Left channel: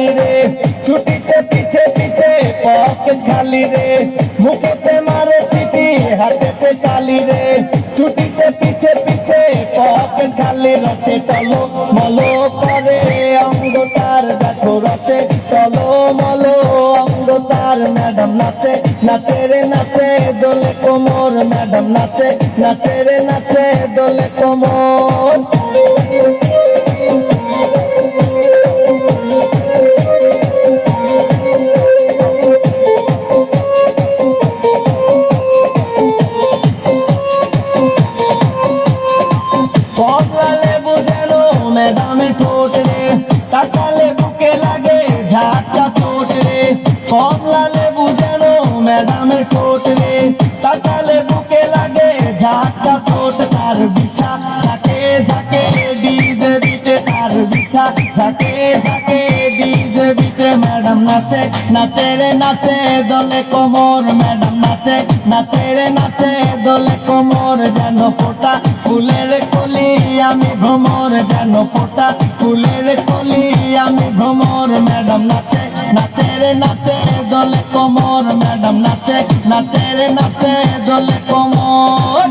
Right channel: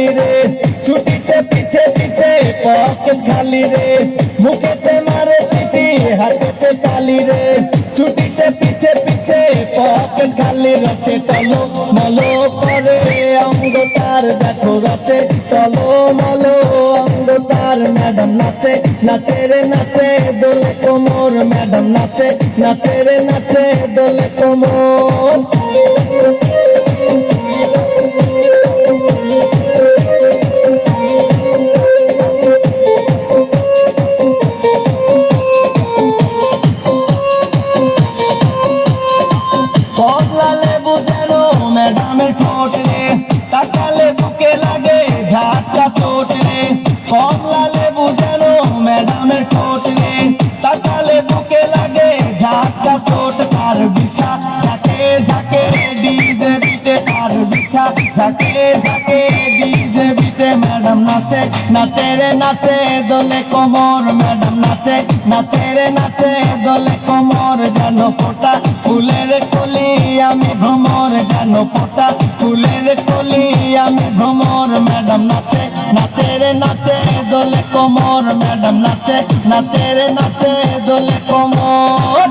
খালি রে, ছুটিতে পিছে পিছে পকেট খালি রে, মুখেতে মারে চিঠি হাতেতে তালি রে, ছুটিতে পিছে পিছে পকেট খালি, রসে টলো মলো করে অঙ্গ তার দেখো রসে টলো মলো অঙ্গ তার। ম্যাডাম নাচে নাচে রে নাচে দোলে কোমর, ম্যাডাম নাচে নাচে রে নাচে দোলে কোমর। কমলা লেবু যেন ম্যাডামের ঠোঁট রে, তাকালে বুকে লাগে ঝাঁকা চোট রে। কমলা লেবু যেন ম্যাডামের ঠোঁট রে, তাকালে বুকে লাগে ঝাঁকা চোট। তার বিছা ঝাঁকে ঝাঁকে ডিজে বিটে, তার বিছা ঝাঁকে ঝাঁকে ডিজে বিটে। ম্যাডাম নাচে নাচে রে নাচে দোলে কোমর, ম্যাডাম নাচে নাচে রে নাচে দোলে কোমর। যেন ফোটা ফুলের কলি আমি ভ্রমর, যেন ফোটা ফুলের কলি আমি ভ্রমর। ম্যাডাম নাচে নাচে রে নাচে দোলে কোমর, ম্যাডাম নাচে নাচে রে নাচে দোলে কোমর।